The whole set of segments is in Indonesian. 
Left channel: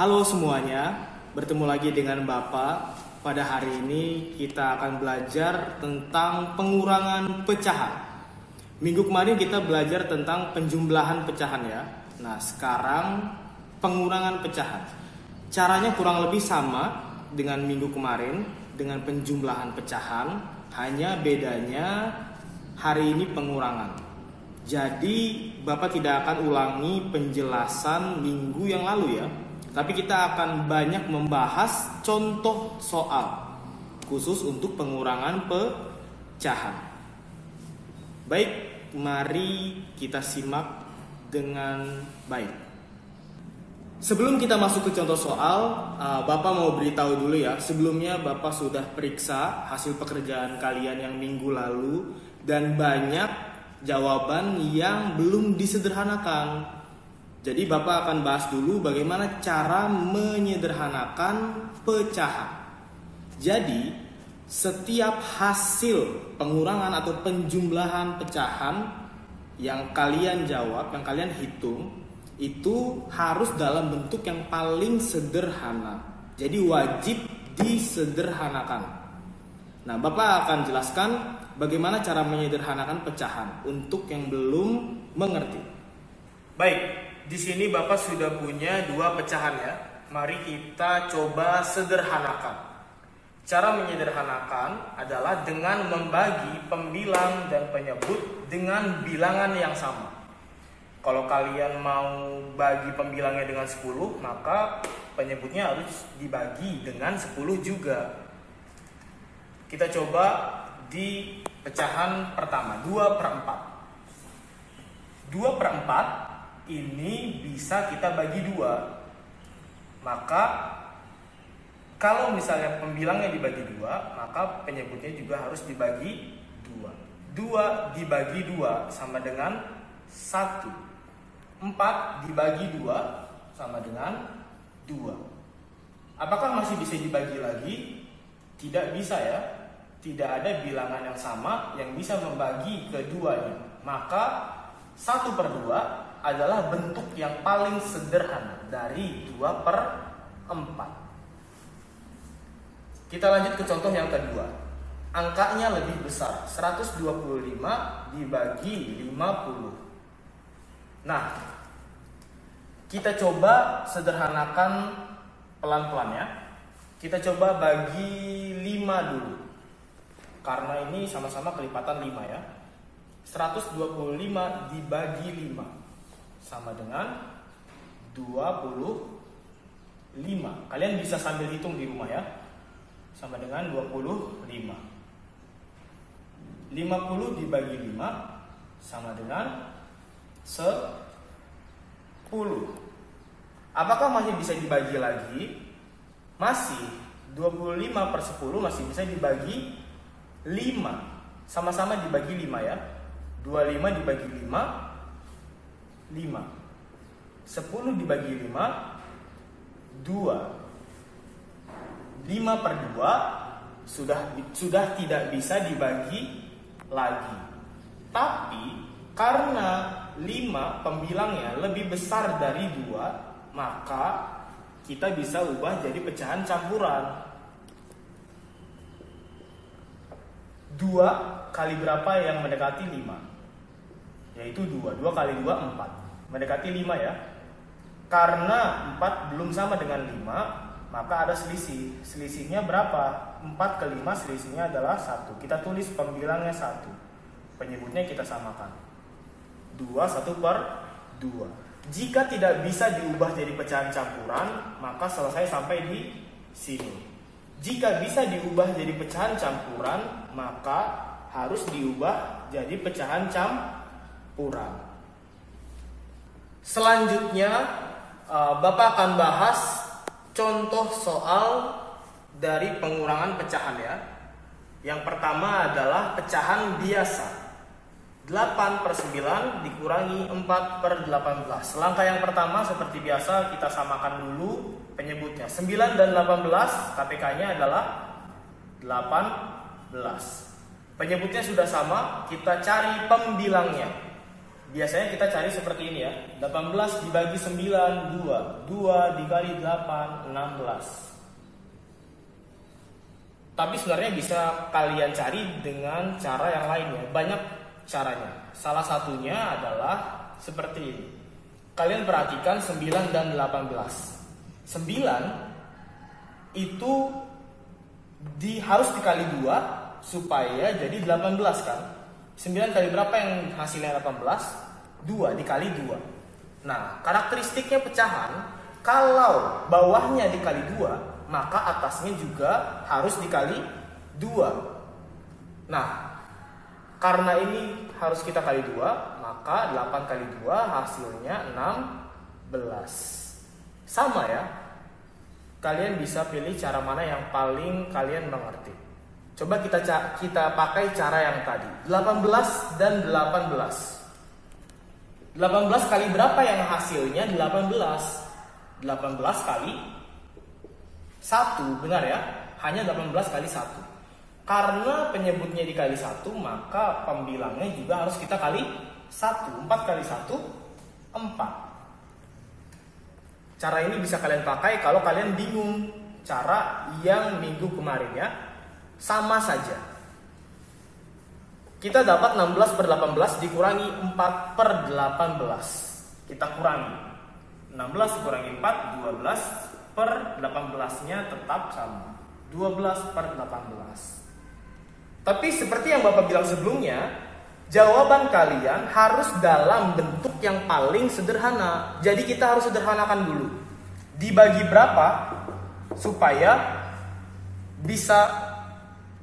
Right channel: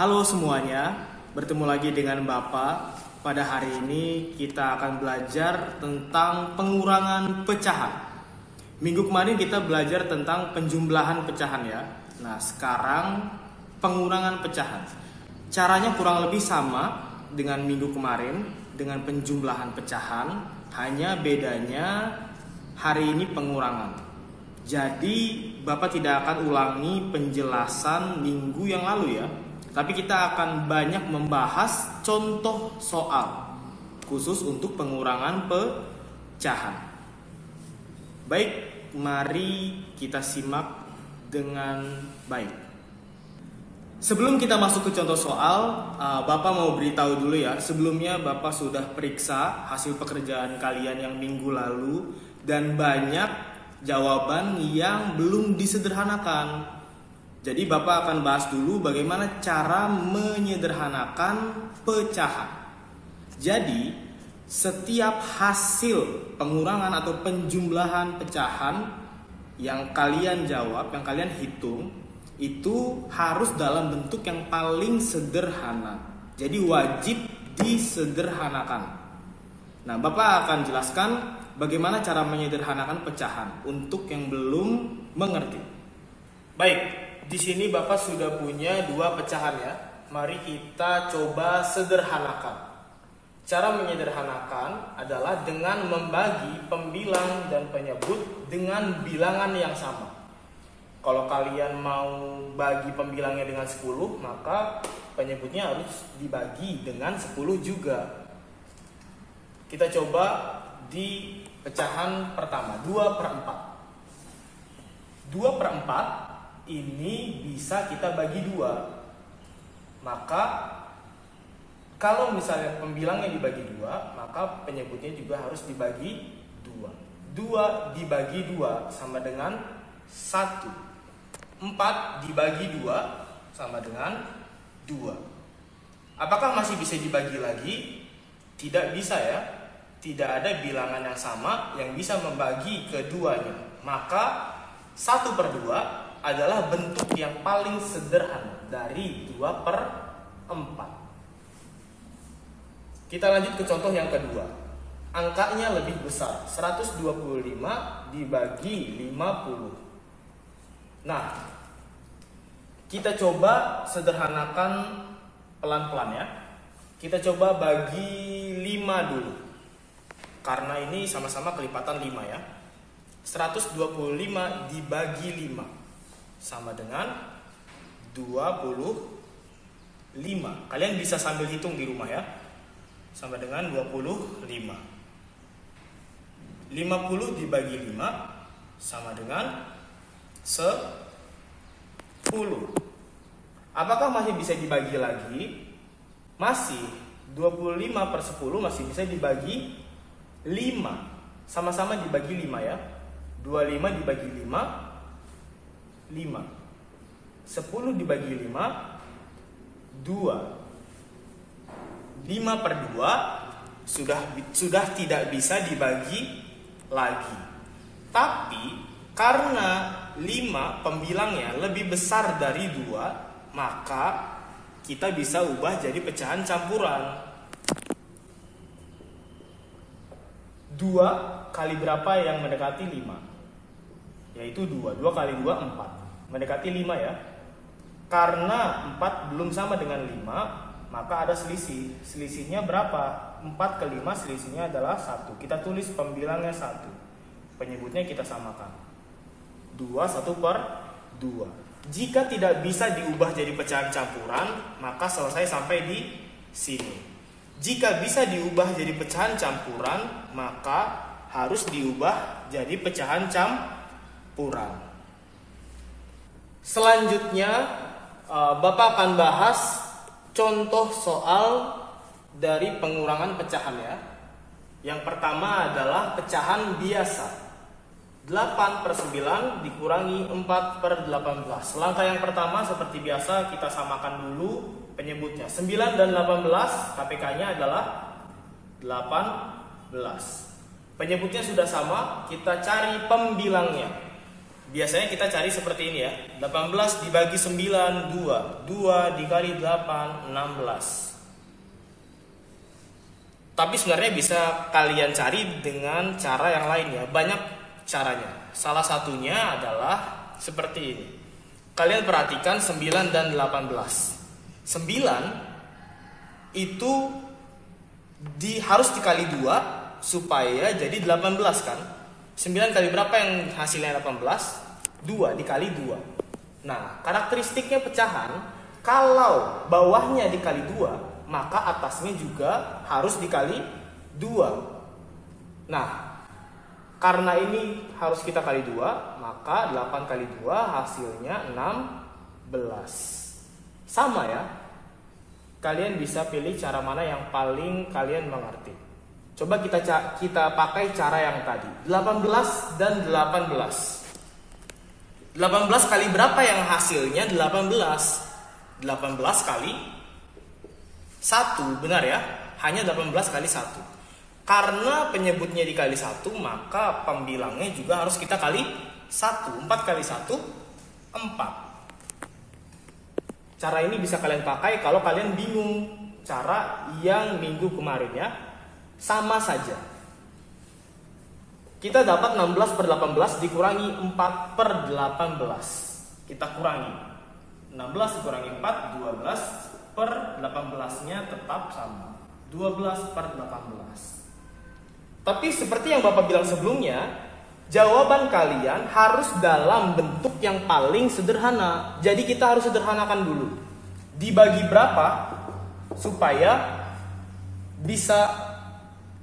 Halo semuanya, bertemu lagi dengan Bapak. Pada hari ini kita akan belajar tentang pengurangan pecahan. Minggu kemarin kita belajar tentang penjumlahan pecahan ya. Nah sekarang pengurangan pecahan. Caranya kurang lebih sama dengan minggu kemarin dengan penjumlahan pecahan. Hanya bedanya hari ini pengurangan. Jadi Bapak tidak akan ulangi penjelasan minggu yang lalu ya, tapi kita akan banyak membahas contoh soal khusus untuk pengurangan pecahan. Baik, mari kita simak dengan baik. Sebelum kita masuk ke contoh soal, Bapak mau beritahu dulu ya. Sebelumnya Bapak sudah periksa hasil pekerjaan kalian yang minggu lalu dan banyak jawaban yang belum disederhanakan. Jadi Bapak akan bahas dulu bagaimana cara menyederhanakan pecahan. Jadi setiap hasil pengurangan atau penjumlahan pecahan yang kalian jawab, yang kalian hitung, itu harus dalam bentuk yang paling sederhana. Jadi wajib disederhanakan. Nah, Bapak akan jelaskan bagaimana cara menyederhanakan pecahan untuk yang belum mengerti. Baik, di sini Bapak sudah punya dua pecahan ya. Mari kita coba sederhanakan. Cara menyederhanakan adalah dengan membagi pembilang dan penyebut dengan bilangan yang sama. Kalau kalian mau bagi pembilangnya dengan 10, maka penyebutnya harus dibagi dengan 10 juga. Kita coba di pecahan pertama, 2/4. 2/4 ini bisa kita bagi 2. Maka kalau misalnya pembilangnya dibagi 2, maka penyebutnya juga harus dibagi 2. 2 dibagi 2 sama dengan 1. 4 dibagi 2 sama dengan 2. Apakah masih bisa dibagi lagi? Tidak bisa ya. Tidak ada bilangan yang sama yang bisa membagi keduanya. Maka 1/2 adalah bentuk yang paling sederhana dari 2/4. Kita lanjut ke contoh yang kedua. Angkanya lebih besar, 125 dibagi 50. Nah, kita coba sederhanakan pelan-pelan ya. Kita coba bagi 5 dulu. Karena ini sama-sama kelipatan 5 ya. 125 dibagi 5 sama dengan 25. Kalian bisa sambil hitung di rumah ya. Sama dengan 25. 50 dibagi 5 sama dengan 10. Apakah masih bisa dibagi lagi? Masih. 25/10 masih bisa dibagi 5. Sama-sama dibagi 5 ya. 25 dibagi 5, 5. 10 dibagi 5, 2. 5/2 sudah tidak bisa dibagi lagi. Tapi karena 5 pembilangnya lebih besar dari 2, maka kita bisa ubah jadi pecahan campuran. 2 kali berapa yang mendekati 5? Yaitu 2. 2 kali 2, 4. Mendekati 5 ya. Karena 4 belum sama dengan 5, maka ada selisih. Selisihnya berapa? 4 ke 5 selisihnya adalah 1. Kita tulis pembilangnya 1. Penyebutnya kita samakan. 2, 1/2. Jika tidak bisa diubah jadi pecahan campuran, maka selesai sampai di sini. Jika bisa diubah jadi pecahan campuran, maka harus diubah jadi pecahan campuran. Selanjutnya, Bapak akan bahas contoh soal dari pengurangan pecahan ya. Yang pertama adalah pecahan biasa. 8/9 dikurangi 4/18. Langkah yang pertama seperti biasa kita samakan dulu penyebutnya. 9 dan 18 KPK-nya adalah 18. Penyebutnya sudah sama, kita cari pembilangnya. Biasanya kita cari seperti ini ya. 18 dibagi 9, 2. 2 dikali 8, 16. Tapi sebenarnya bisa kalian cari dengan cara yang lain ya. Banyak caranya. Salah satunya adalah seperti ini. Kalian perhatikan 9 dan 18. 9 itu harus dikali 2 supaya jadi 18 kan. 9 kali berapa yang hasilnya 18? 2 dikali 2. Nah, karakteristiknya pecahan, kalau bawahnya dikali 2, maka atasnya juga harus dikali 2. Nah, karena ini harus kita kali 2, maka 8 kali 2 hasilnya 16. Sama ya. Kalian bisa pilih cara mana yang paling kalian mengerti. Coba kita pakai cara yang tadi. 18 dan 18. 18 kali berapa yang hasilnya 18? 18 kali 1, benar ya? Hanya 18 kali 1. Karena penyebutnya dikali 1, maka pembilangnya juga harus kita kali 1. 4 kali 1, 4. Cara ini bisa kalian pakai kalau kalian bingung cara yang minggu kemarin ya. Sama saja. Kita dapat 16 per 18 dikurangi 4 per 18. Kita kurangi. 16 dikurangi 4, 12 per 18-nya tetap sama. 12 per 18. Tapi seperti yang Bapak bilang sebelumnya, jawaban kalian harus dalam bentuk yang paling sederhana. Jadi kita harus sederhanakan dulu. Dibagi berapa supaya bisa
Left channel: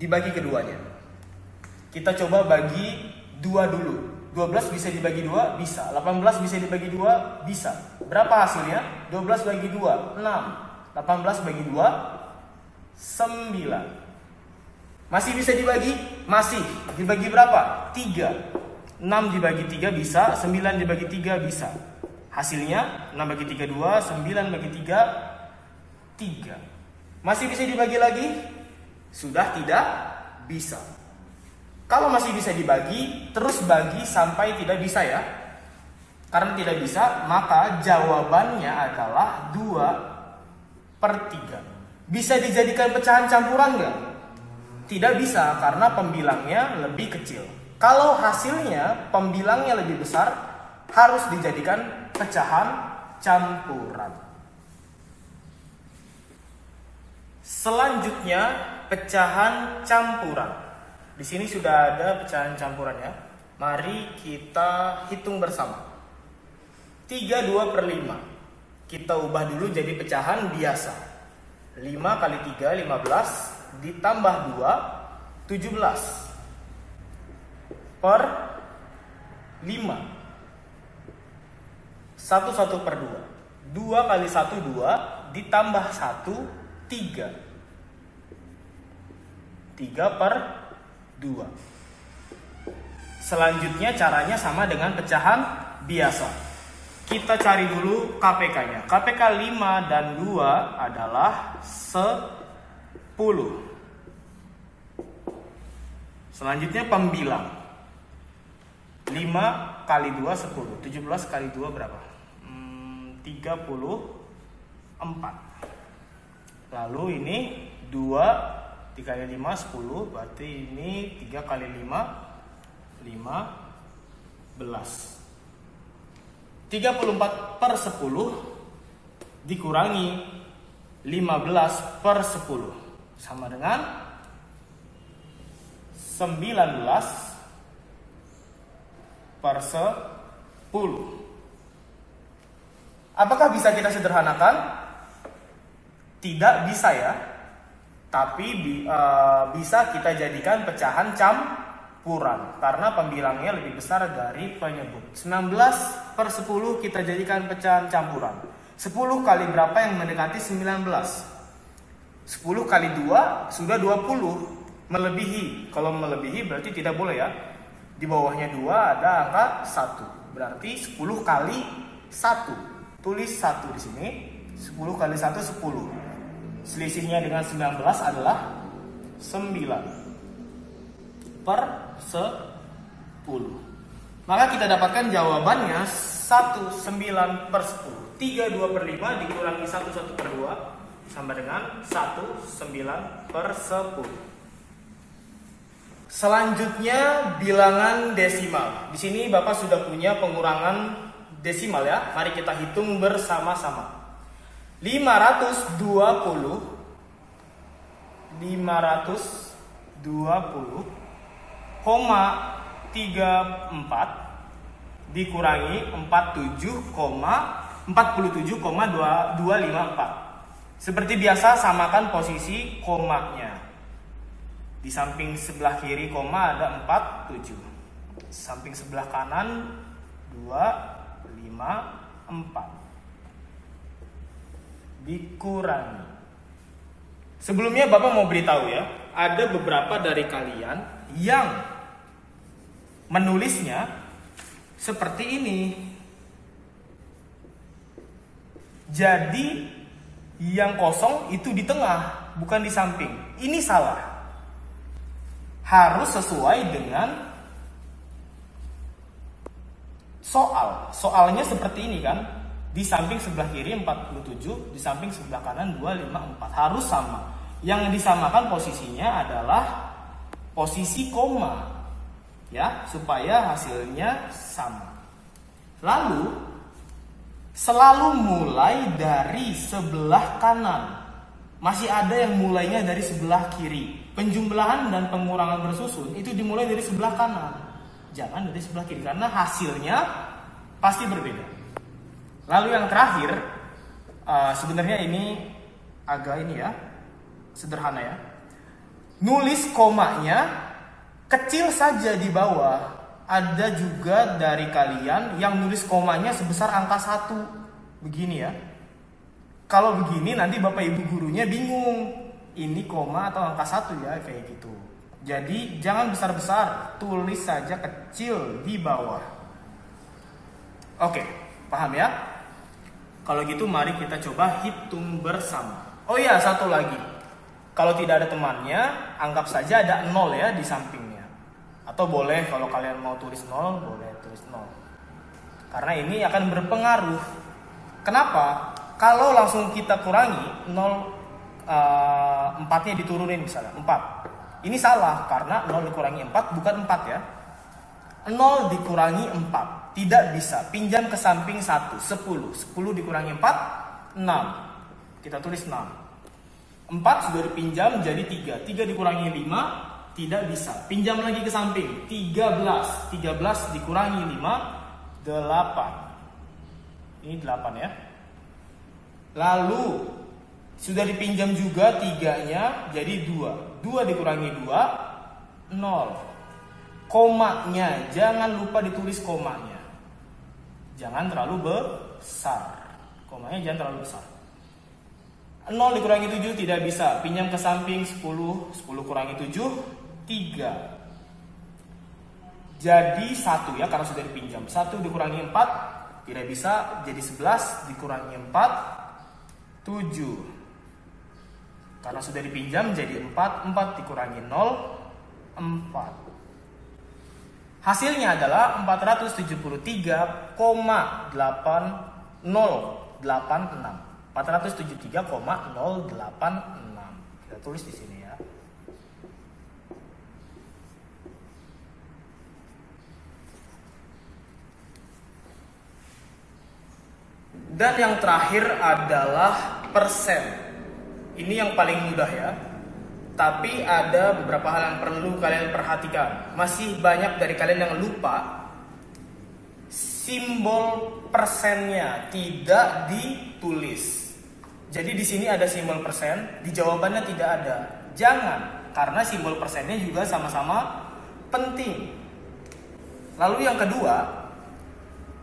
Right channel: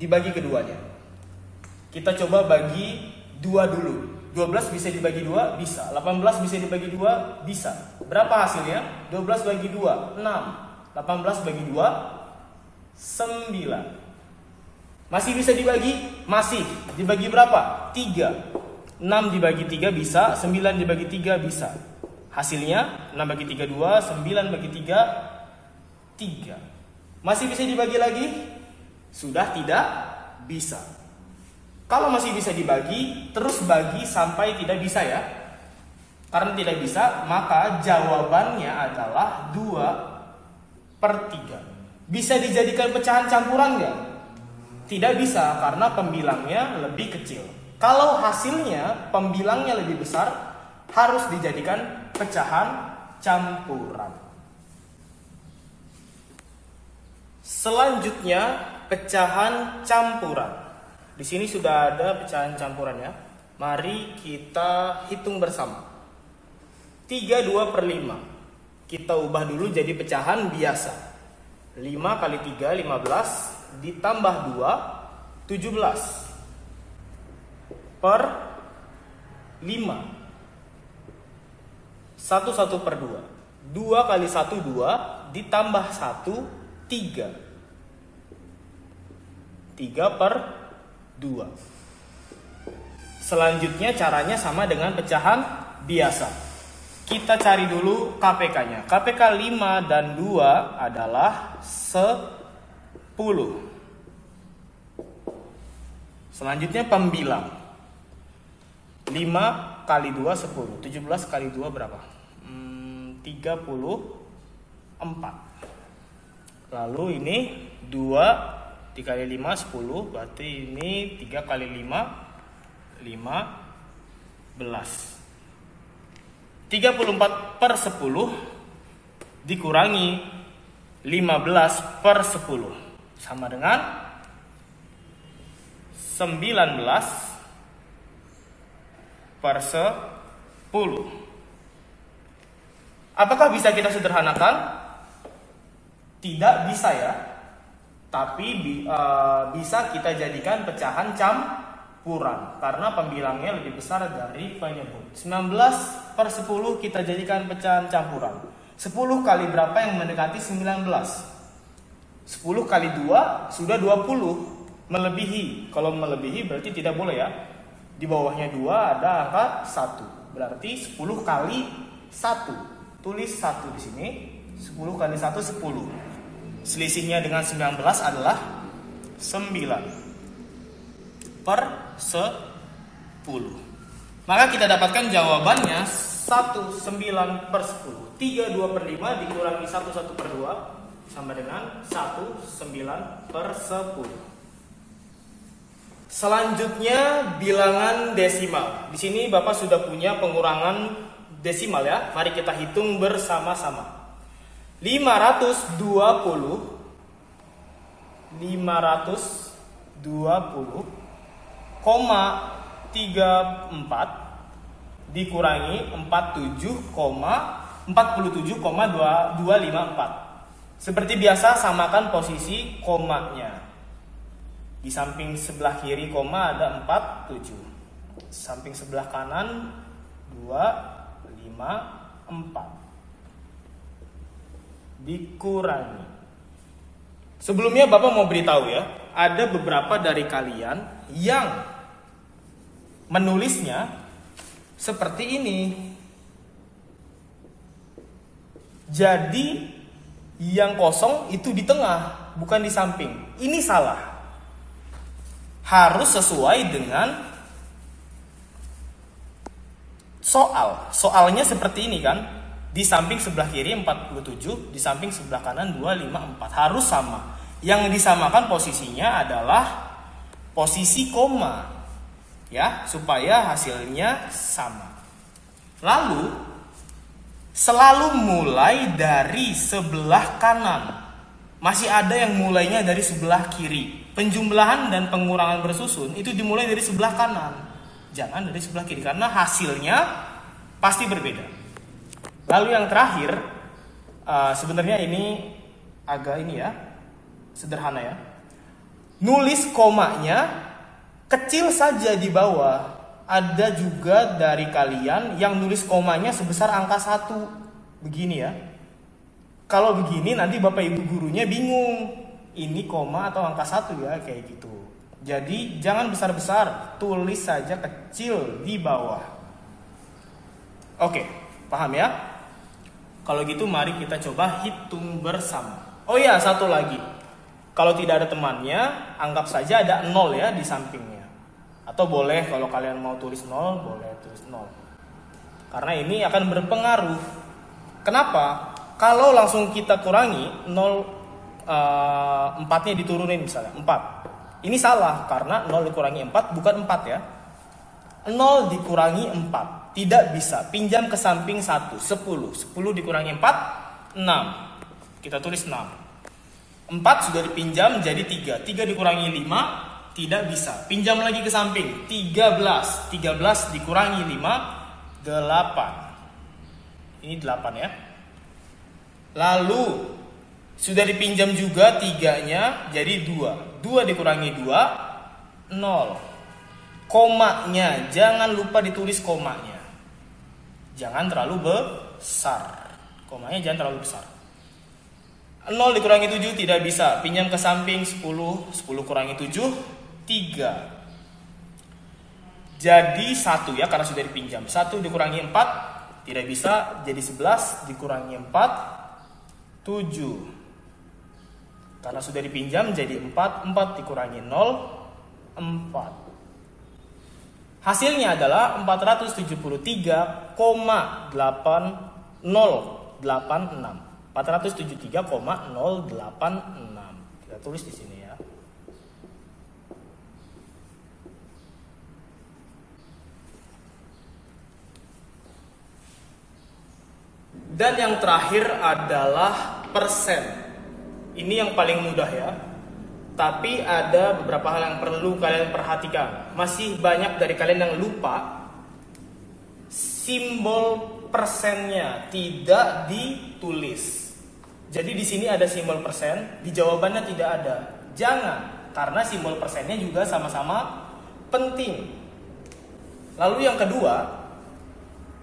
dibagi keduanya. Kita coba bagi 2 dulu. 12 bisa dibagi 2? Bisa. 18 bisa dibagi 2? Bisa. Berapa hasilnya? 12 bagi 2, 6. 18 bagi 2, 9. Masih bisa dibagi? Masih. Dibagi berapa? 3. 6 dibagi 3 bisa, 9 dibagi 3 bisa. Hasilnya 6 bagi 3, 2, 9 bagi 3, 3. Masih bisa dibagi lagi? Sudah tidak bisa. Kalau masih bisa dibagi, terus bagi sampai tidak bisa ya. Karena tidak bisa, maka jawabannya adalah 2 per 3. Bisa dijadikan pecahan campuran nggak? Tidak bisa, karena pembilangnya lebih kecil. Kalau hasilnya pembilangnya lebih besar, harus dijadikan pecahan campuran. Selanjutnya, pecahan campuran. Di sini sudah ada pecahan campurannya. Mari kita hitung bersama. 32 per 5. Kita ubah dulu jadi pecahan biasa. 5 kali 3, 15. Ditambah 2, 17. Per 5. 1 per 2. 2 kali 1, 2. Ditambah 1, 3. 3 per 2. Selanjutnya caranya sama dengan pecahan biasa. Kita cari dulu KPK-nya. KPK 5 dan 2 adalah 10. Selanjutnya pembilang. 5 kali 2, 10. 17 kali 2 berapa? 34. Lalu ini 2 dikali 5, 10. Berarti ini 3 kali 5, 15. 34 per 10 dikurangi 15 per 10. Sama dengan 19 per 10. Apakah bisa kita sederhanakan? Tidak bisa ya. Tapi bisa kita jadikan pecahan campuran karena pembilangnya lebih besar dari penyebut. 19 per 10 kita jadikan pecahan campuran. 10 kali berapa yang mendekati 19? 10 kali 2 sudah 20. Melebihi. Kalau melebihi berarti tidak boleh ya. Di bawahnya 2 ada angka 1. Berarti 10 kali 1. Tulis 1 di sini. 10 kali 1, 10. Selisihnya dengan 19 adalah 9 per 10. Maka kita dapatkan jawabannya 19/10. 32/5 dikurangi 11/2 sama dengan 19/10. Selanjutnya bilangan desimal. Di sini Bapak sudah punya pengurangan desimal ya. Mari kita hitung bersama-sama. 520,34 dikurangi 47,254. Seperti biasa samakan posisi komanya. Di samping sebelah kiri koma ada 47. Samping sebelah kanan 254. Dikurangi. Sebelumnya Bapak mau beritahu ya, ada beberapa dari kalian yang menulisnya seperti ini. Jadi yang kosong itu di tengah, bukan di samping. Ini salah. Harus sesuai dengan soal. Soalnya seperti ini kan. Di samping sebelah kiri 47, di samping sebelah kanan 254. Harus sama. Yang disamakan posisinya adalah posisi koma. Ya, supaya hasilnya sama. Lalu selalu mulai dari sebelah kanan. Masih ada yang mulainya dari sebelah kiri. Penjumlahan dan pengurangan bersusun itu dimulai dari sebelah kanan, jangan dari sebelah kiri, karena hasilnya pasti berbeda. Lalu yang terakhir, sebenarnya ini agak sederhana ya. Nulis komanya kecil saja di bawah. Ada juga dari kalian yang nulis komanya sebesar angka 1. Begini ya. Kalau begini nanti Bapak Ibu gurunya bingung. Ini koma atau angka 1 ya, kayak gitu. Jadi jangan besar-besar, tulis saja kecil di bawah. Oke, paham ya? Kalau gitu mari kita coba hitung bersama. Oh ya, satu lagi. Kalau tidak ada temannya, anggap saja ada 0 ya di sampingnya. Atau boleh kalau kalian mau tulis 0, boleh tulis 0. Karena ini akan berpengaruh. Kenapa? Kalau langsung kita kurangi 0, 4-nya diturunin misalnya 4. Ini salah karena 0 dikurangi 4 bukan 4 ya. 0 dikurangi 4 tidak bisa. Pinjam ke samping 1, 10. 10 dikurangi 4, 6. Kita tulis 6. 4 sudah dipinjam jadi 3. 3 dikurangi 5 tidak bisa. Pinjam lagi ke samping 13. 13 dikurangi 5, 8. Ini 8 ya. Lalu sudah dipinjam juga 3-nya jadi 2. 2 dikurangi 2, 0. Komanya, jangan lupa ditulis komanya. Jangan terlalu besar. Komanya jangan terlalu besar. 0 dikurangi 7 tidak bisa. Pinjam ke samping 10. 10 kurangi 7, 3. Jadi 1 ya, karena sudah dipinjam. 1 dikurangi 4 tidak bisa. Jadi 11 dikurangi 4, 7. Karena sudah dipinjam jadi 4. 4 dikurangi 0, 4. Hasilnya adalah 473,8086. 473,086. Kita tulis di sini ya. Dan yang terakhir adalah persen. Ini yang paling mudah ya. Tapi ada beberapa hal yang perlu kalian perhatikan. Masih banyak dari kalian yang lupa simbol persennya tidak ditulis. Jadi di sini ada simbol persen, di jawabannya tidak ada. Jangan, karena simbol persennya juga sama-sama penting. Lalu yang kedua,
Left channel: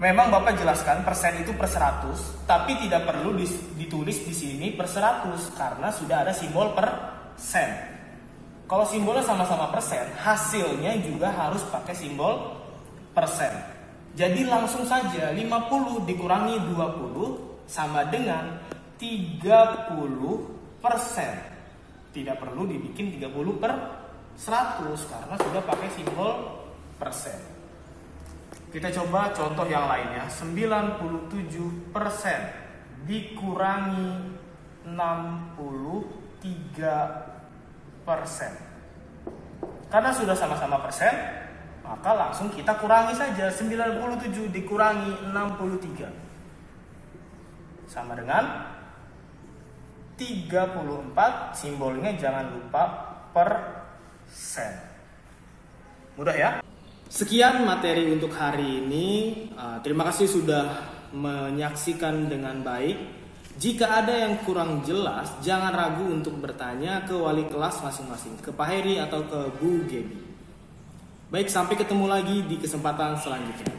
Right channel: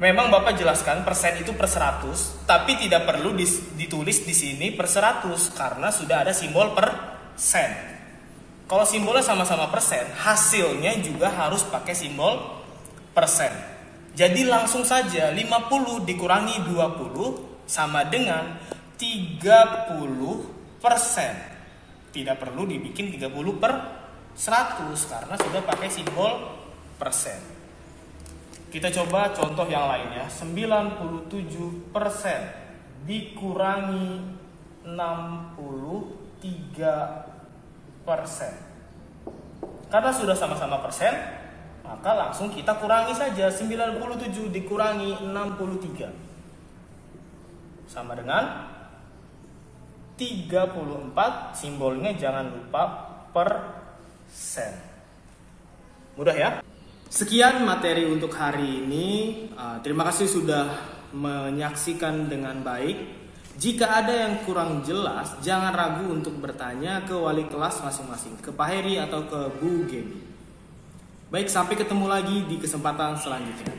memang Bapak jelaskan persen itu per 100, tapi tidak perlu ditulis di sini per 100 karena sudah ada simbol persen. Kalau simbolnya sama-sama persen, hasilnya juga harus pakai simbol persen. Jadi langsung saja 50 dikurangi 20 sama dengan 30%. Tidak perlu dibikin 30 per 100 karena sudah pakai simbol persen. Kita coba contoh yang lain ya. 97% dikurangi 63%. Karena sudah sama-sama persen, maka langsung kita kurangi saja. 97 dikurangi 63 sama dengan 34. Simbolnya jangan lupa persen. Mudah ya? Sekian materi untuk hari ini. Terima kasih sudah menyaksikan dengan baik. Jika ada yang kurang jelas, jangan ragu untuk bertanya ke wali kelas masing-masing, ke Pak Heri atau ke Bu Gebi. Baik, sampai ketemu lagi di kesempatan selanjutnya.